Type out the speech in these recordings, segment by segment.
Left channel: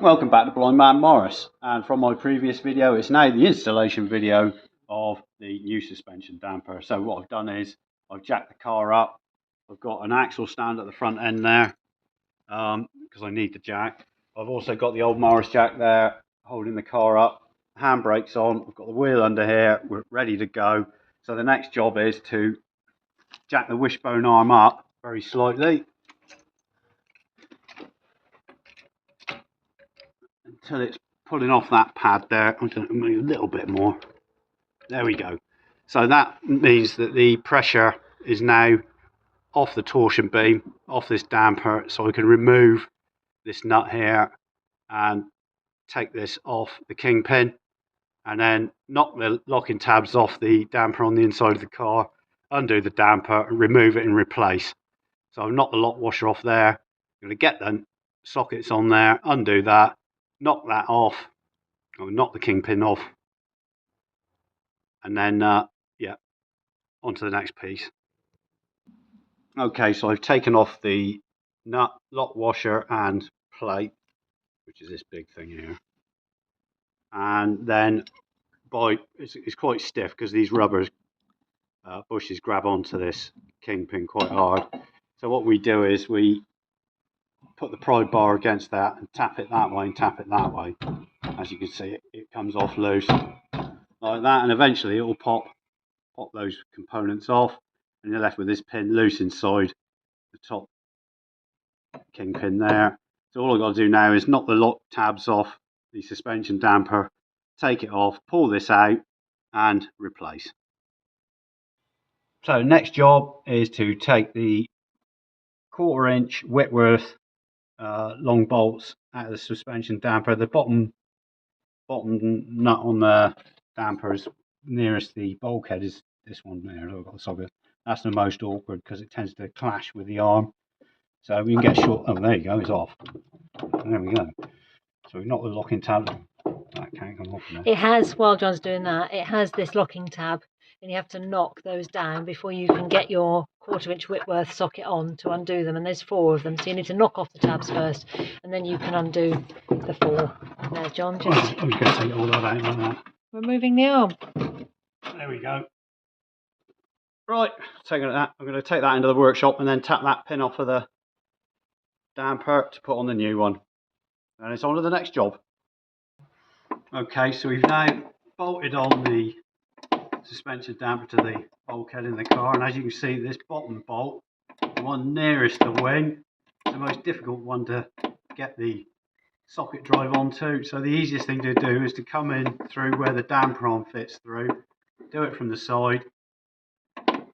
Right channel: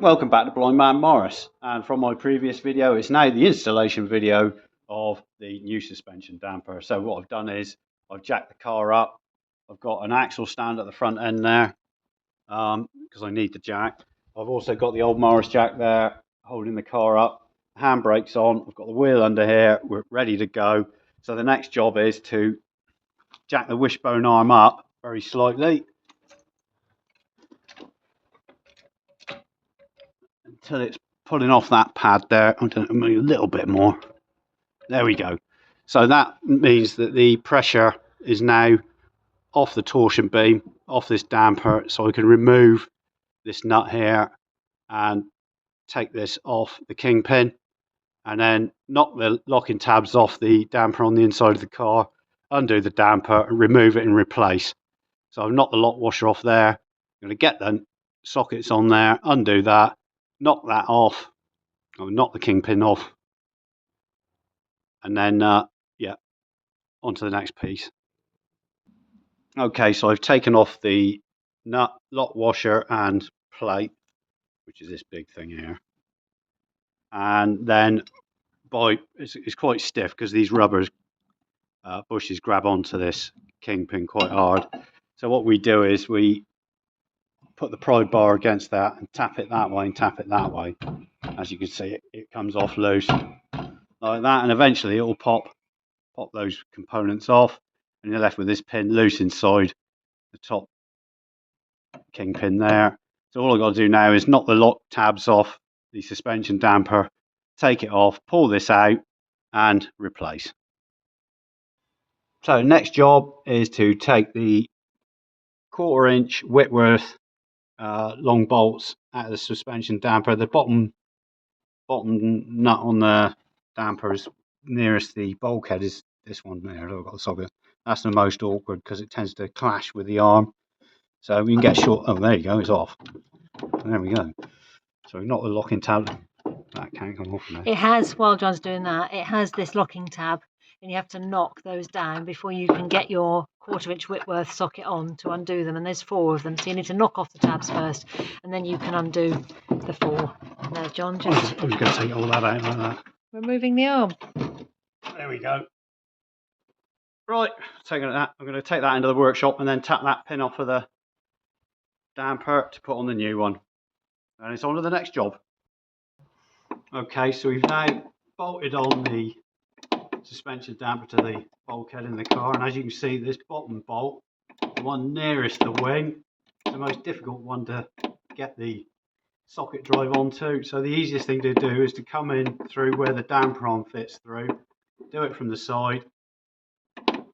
Welcome back to Blind Man Morris, and from my previous video it's now the installation video of the new suspension damper. So what I've done is I've jacked the car up. I've got an axle stand at the front end there because I need the jack. I've also got the old Morris jack there holding the car up, handbrakes on, I've got the wheel under here, we're ready to go. So the next job is to jack the wishbone arm up very slightly until it's pulling off that pad there. I'm going to move a little bit more. There we go. So that means that the pressure is now off the torsion beam, off this damper, so I can remove this nut here and take this off the kingpin and then knock the locking tabs off the damper on the inside of the car, undo the damper, remove it and replace. So I've knocked the lock washer off there. I'm going to get the sockets on there, undo that, knock that off, I'll knock the kingpin off, and then onto the next piece. Okay, so I've taken off the nut, lock washer and plate, which is this big thing here, and then it's quite stiff because these rubber bushes grab onto this kingpin quite hard. So what we do is we put the pry bar against that and tap it that way and tap it that way. As you can see, it comes off loose like that, and eventually it will pop those components off, and you're left with this pin loose inside the top kingpin there. So all I've got to do now is knock the lock tabs off the suspension damper, take it off, pull this out and replace. So next job is to take the 1/4 inch Whitworth long bolts out of the suspension damper. The bottom nut on the damper is nearest the bulkhead is this one there. I've got the socket. That's the most awkward because it tends to clash with the arm. So we can get short. Oh, there you go. It's off. There we go. So we've knocked the locking tab. That can't come off there. It has, while John's doing that, it has this locking tab, and you have to knock those down before you can get your 1/4 inch Whitworth socket on to undo them. And there's 4 of them, so you need to knock off the tabs first, and then you can undo the 4. There, John, just I'm just going to take all that out like that. removing the arm. There we go. Right, taking that. I'm going to take that into the workshop and then tap that pin off of the damper to put on the new one. And it's on to the next job. Okay, so we've now bolted on the suspension damper to the bulkhead in the car, and as you can see, this bottom bolt, the one nearest the wing, is the most difficult one to get the socket drive onto. So the easiest thing to do is to come in through where the damper arm fits through, do it from the side.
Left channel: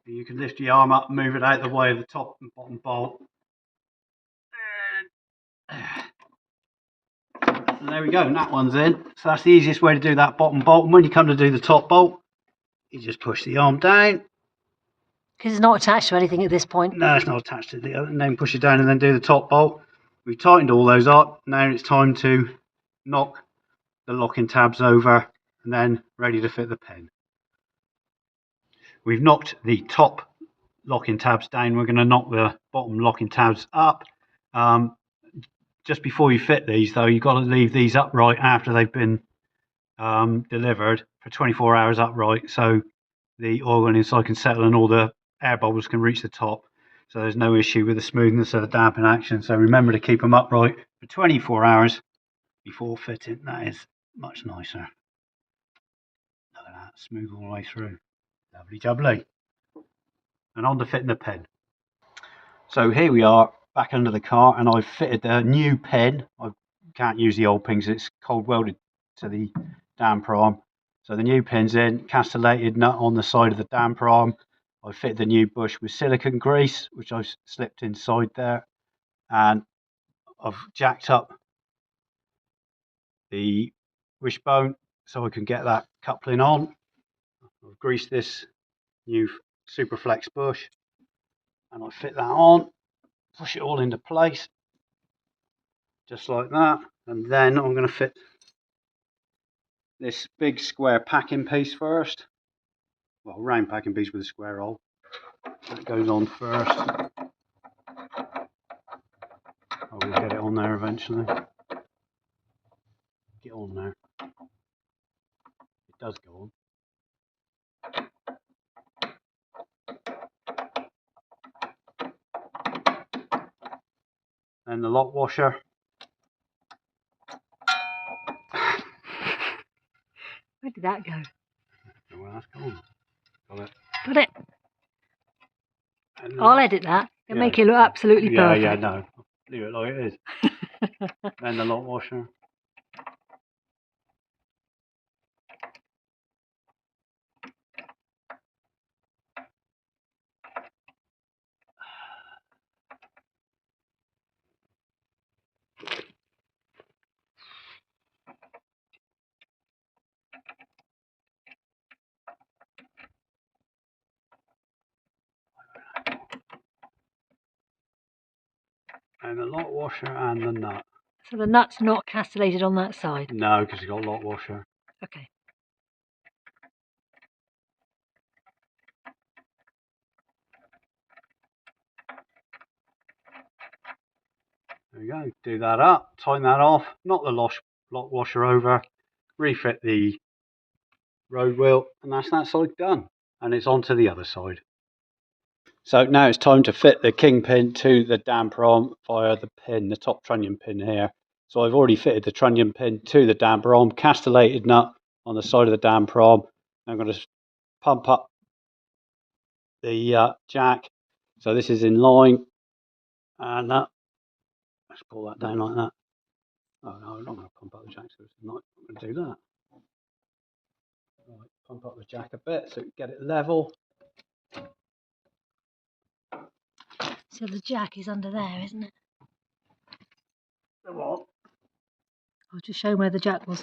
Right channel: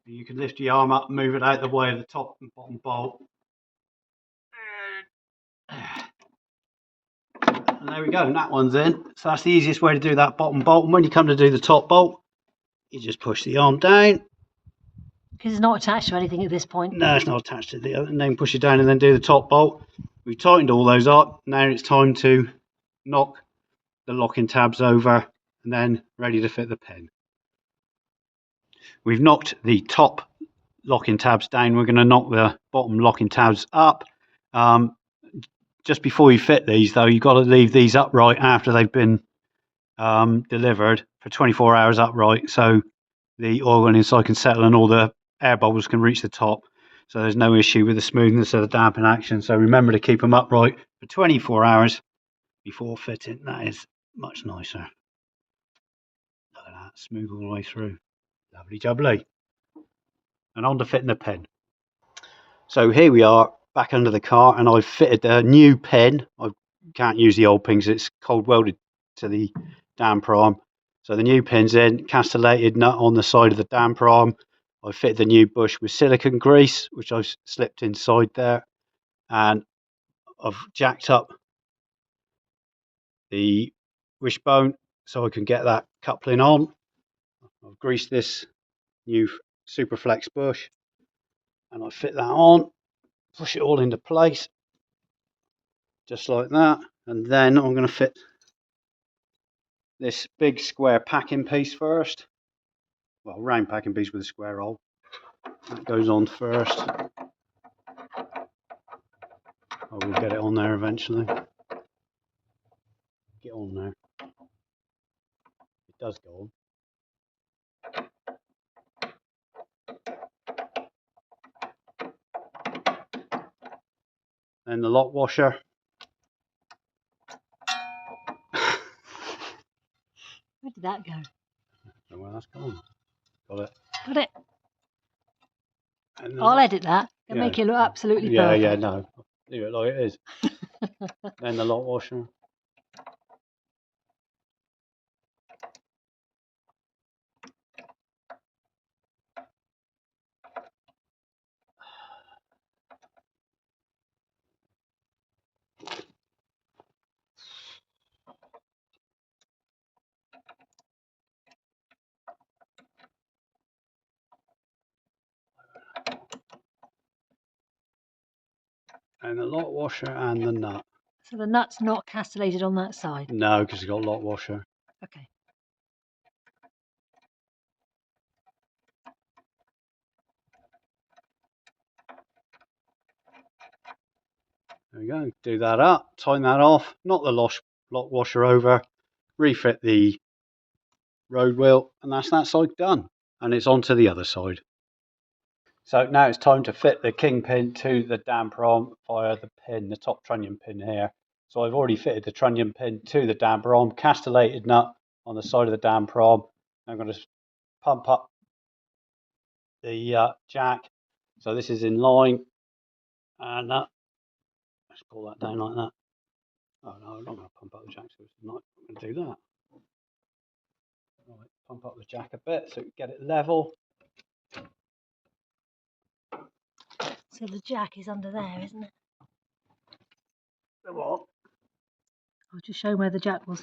You can lift your arm up, move it out the way of the top and bottom bolt. And there we go, and that one's in. So that's the easiest way to do that bottom bolt. And when you come to do the top bolt, you just push the arm down. Because it's not attached to anything at this point. No, it's not attached to the other. And then push it down and then do the top bolt. We've tightened all those up. Now it's time to knock the locking tabs over and then ready to fit the pin. We've knocked the top locking tabs down. We're going to knock the bottom locking tabs up. Just before you fit these, though, you've got to leave these upright after they've been delivered for 24 hours upright, so the oil inside can settle and all the air bubbles can reach the top. So there's no issue with the smoothness of the damping action. So remember to keep them upright for 24 hours before fitting. That is much nicer. Look at that, smooth all the way through. Lovely jubbly. And on to fitting the pin. So here we are back under the car, and I've fitted a new pin. I can't use the old pin because it's cold welded to the damper arm. So the new pin's in, castellated nut on the side of the damper arm. I've fitted the new bush with silicone grease, which I've slipped inside there, and I've jacked up the wishbone so I can get that coupling on. I've greased this new Superflex bush and I fit that on, push it all into place just like that, and then I'm going to fit this big square packing piece first. Well, round packing piece with a square hole. That goes on first. I will get it on there eventually. on there. It does go on. Then the lock washer. Where did that go? Well, that's gone. Got it. Got it. And I'll edit that. It'll make it look absolutely perfect. Yeah, no. Leave it like it is. Then the lock washer. And the lock washer and the nut. So the nut's not castellated on that side? No, because it's got lock washer. Okay. There we go. Do that up, tighten that off, knock the lock washer over, refit the road wheel, and that's that side done. And it's on to the other side. So now it's time to fit the kingpin to the damper arm via the pin, the top trunnion pin here. So I've already fitted the trunnion pin to the damper arm, castellated nut on the side of the damper arm. I'm going to pump up the jack. So this is in line, and let's pull that down like that. Oh no, I'm not going to pump up the jack, so I'm not going to do that. Right, pump up the jack a bit so we get it level. So the jack is under there, isn't it? The what? I'll just show where the jack was.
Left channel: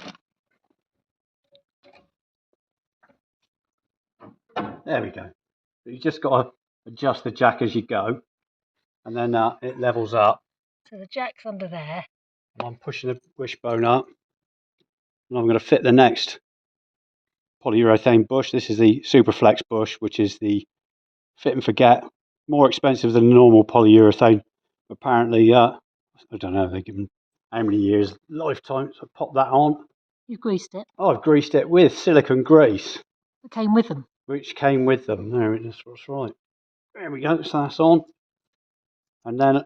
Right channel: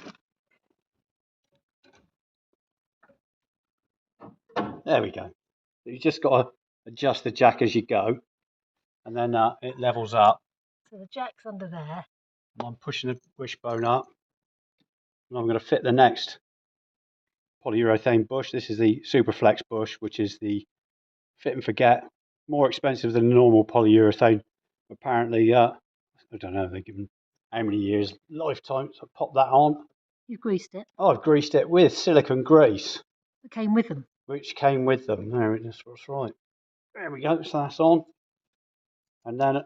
There we go. So you just got to adjust the jack as you go, and then it levels up. So the jack's under there. And I'm pushing the wishbone up, and I'm going to fit the next polyurethane bush. This is the Superflex bush, which is the fit and forget, more expensive than normal polyurethane. Apparently, I don't know, they give them how many years lifetime. So pop that on. You've greased it. Oh, I've greased it with silicone grease. It came with them. Which came with them. There it is. That's right. There we go. So that's on. And then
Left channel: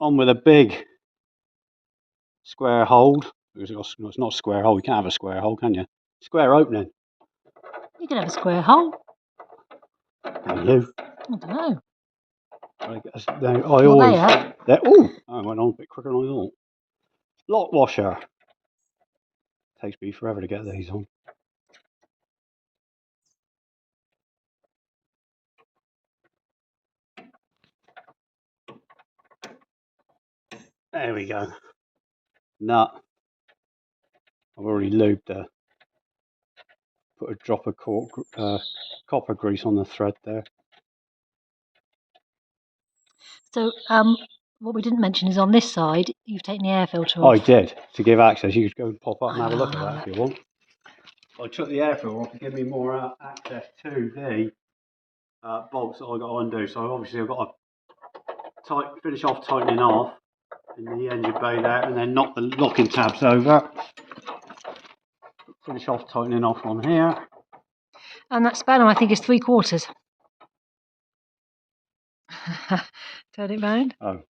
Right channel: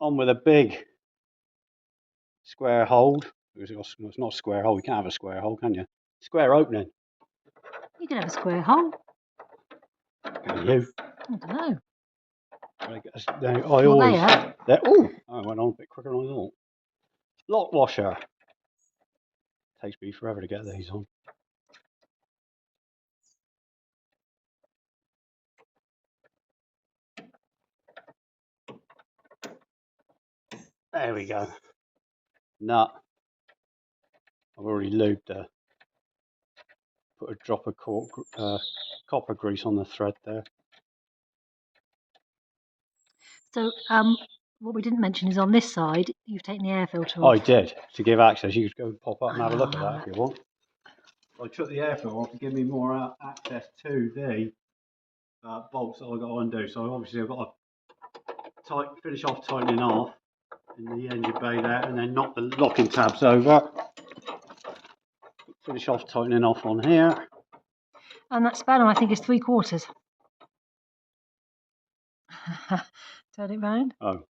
on with a big square hold. It's not a square hole. You can't have a square hole, can you? Square opening. You can have a square hole. Can you? I don't know. I went on a bit quicker than I thought. Lock washer. Takes me forever to get these on. There we go. Nut. I've already lubed the. Put a drop of copper grease on the thread there. So what we didn't mention is on this side, you've taken the air filter Oh, off. I did, to give access. You could go and pop up and have a look at that if you want. I took the air filter off to give me more access to the bolts that I got to undo. So obviously I've got to finish off tightening off in the engine bay there, and then knock the locking tabs over. Finish off tightening off on here. And that spanner, I think, is 3/4. Turn it round. Oh.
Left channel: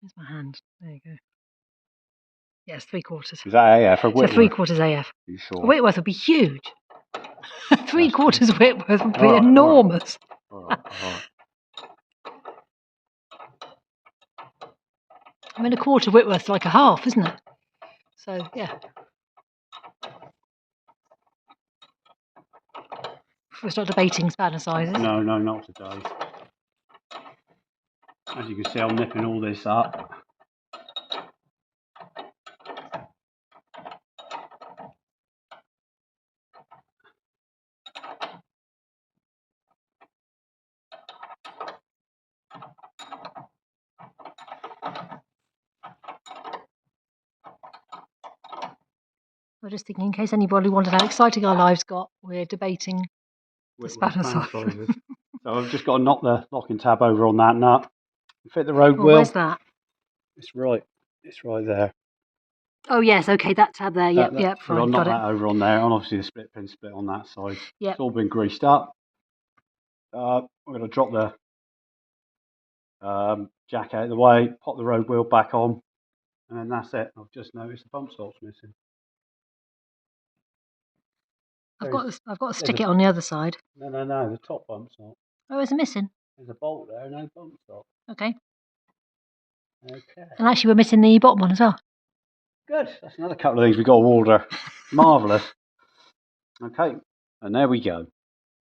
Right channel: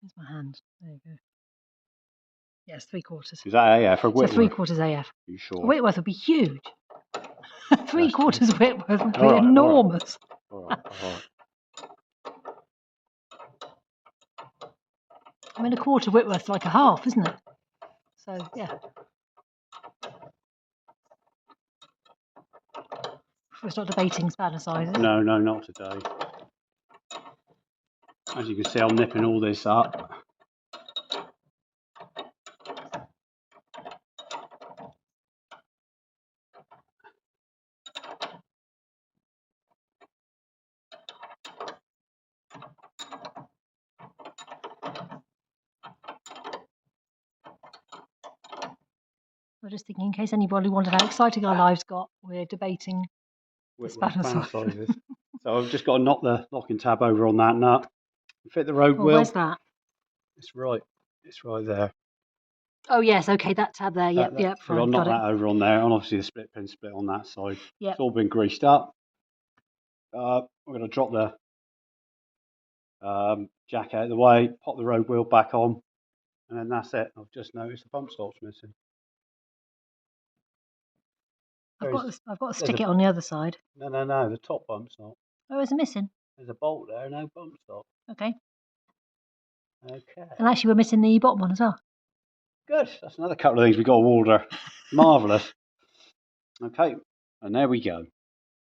There's my hand. There you go. Yes, 3/4. Is that AF or Whitworth? So 3/4 AF. Are you sure? Whitworth would be huge. 3/4 Whitworth would be enormous. All right. I mean, 1/4 Whitworth's like a half, isn't it? So, yeah. We're not debating spanner sizes. No, not today. As you can see, I'm nipping all this up. I'm just thinking, in case anybody wondered how exciting our lives got, we're debating the spanner sizes. So I've just got to knock the locking tab over on that nut. Fit the road wheel. Where's that? It's right there. Oh yes, okay, that tab there. Yep, yep, So I'll fine, knock got it. that over on there, and obviously the split pin split on that side. Yep. It's all been greased up. We're going to drop the jack out of the way, pop the road wheel back on, and then that's it. I've just noticed the bump stop's missing. I've got to stick it on the other side. No, the top bump stop. Oh, is it missing? There's a bolt there, no bump stop. Okay. Okay. And actually, we're missing the bottom one as well. Good. That's another couple of things we've got to order. Marvellous. Okay, and there we go.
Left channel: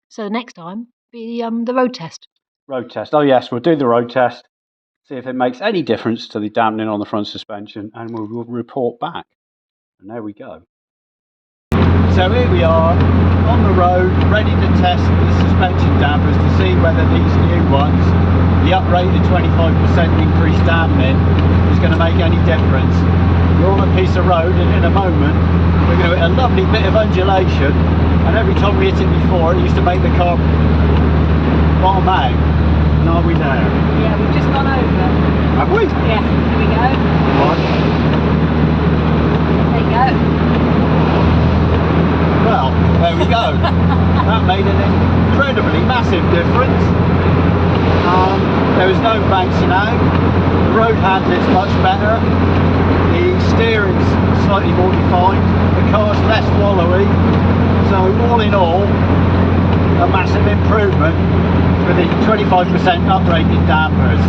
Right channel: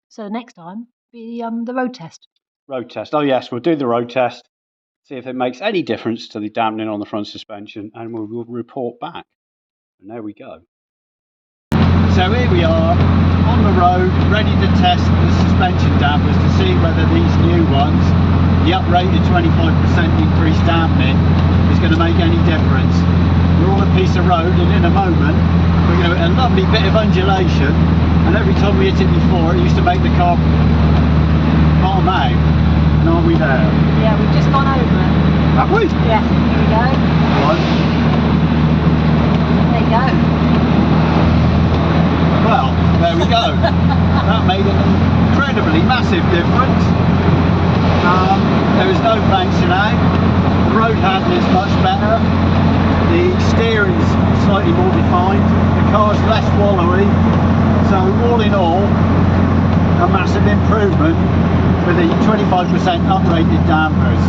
So next time, be the road test. Road test. Oh yes, we'll do the road test. See if it makes any difference to the dampening on the front suspension, and we'll report back. And there we go. So here we are on the road, ready to test the suspension dampers to see whether these new ones, the uprated 25% increased dampening, is going to make any difference. We're on a piece of road, and in a moment we're going to hit a lovely bit of undulation, and every time we hit it before, it used to make the car bottom out. And are we there? Yeah, we've just gone over it. Have we? Yeah, here we go. Right. There you go. Well, there we go. That made an incredibly massive difference. There is no bouncing out. The road handling is much better. The steering's slightly more defined. The car's less wallowy. So all in all, a massive improvement with the 25% uprated dampers.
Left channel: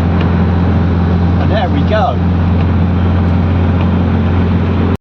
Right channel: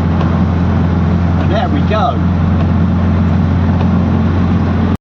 And there we go.